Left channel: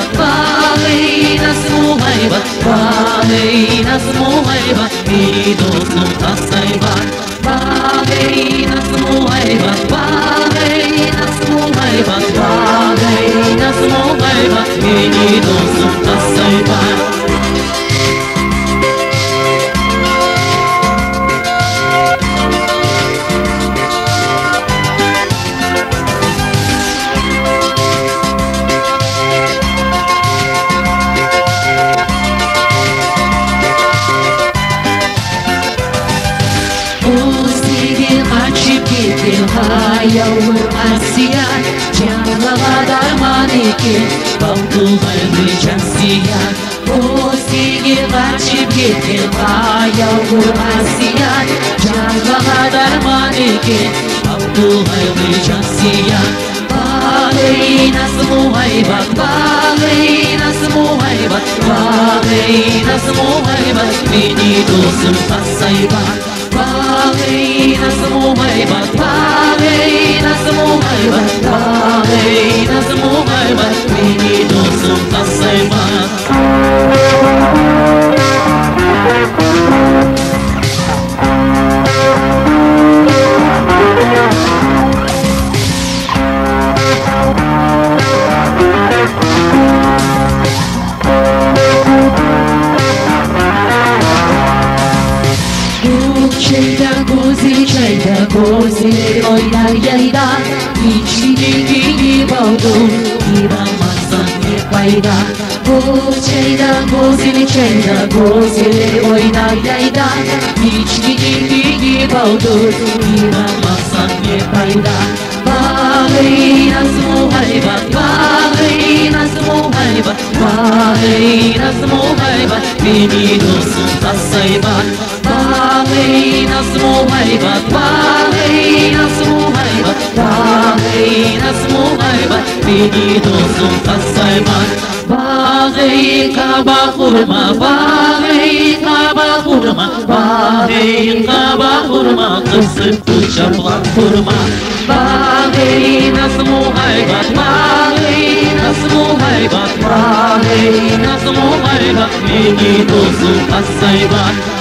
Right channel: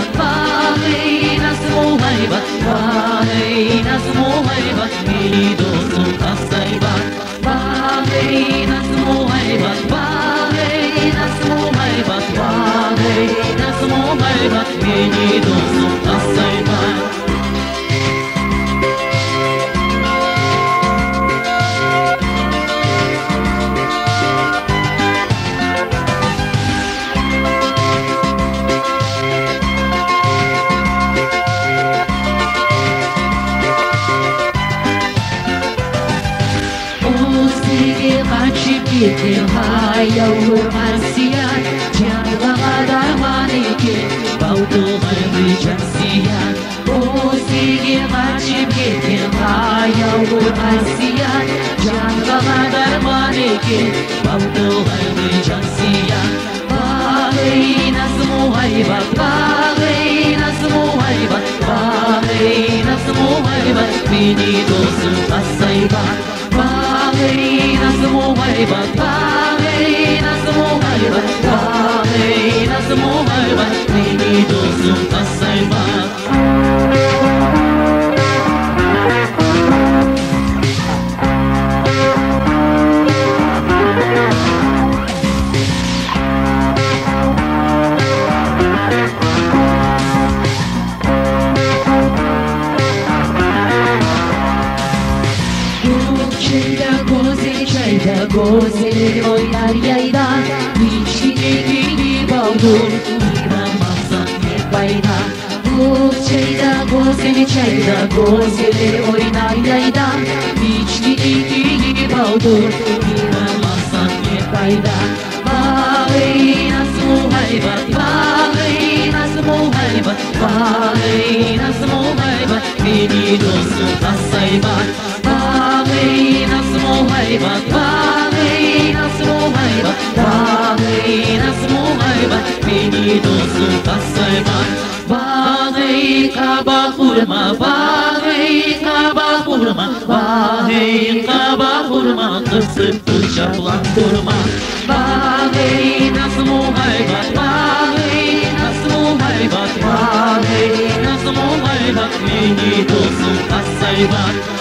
muhaybat, vay nasıl muhaybat, vay nasıl muhaybat, iyi dostum tasaybat, vay nasıl muhaybat, vay nasıl muhaybat, vay nasıl muhaybat, iyi dostum tasaybat. Yavur asiyan Canlığa darman ikin Balkı kalbi cansiyan O seni kaçıp gittin Yavur asiyan Canlığa darman ikin Balkı kalbi cansiyan Bağay nasıl muhaybat Bağay nasıl muhaybat Bağay nasıl muhaybat Beni dostum tasaybat Bağay nasıl muhaybat Bağay nasıl muhaybat Bağay nasıl muhaybat Beni dostum tasaybat. Çayda gozi oynar yayda İçinin gibi oldu İnanmazsan ne fayda Bu çayda gozi oynar yayda İçinin gibi oldu İnanmazsan ne fayda Vay nasıl muhaybat Vay nasıl muhaybat Vay nasıl muhaybat Beni dostum tasaybat Vay nasıl muhaybat Vay nasıl muhaybat Vay nasıl muhaybat Beni dostum tasaybat Vay kaba kurma Vay kaba kurma Vay kaba kurma Kısık uçaplak kurma Vay nasıl muhaybat Vay nasıl muhaybat Vay nasıl muhaybat Beni dostum tasaybat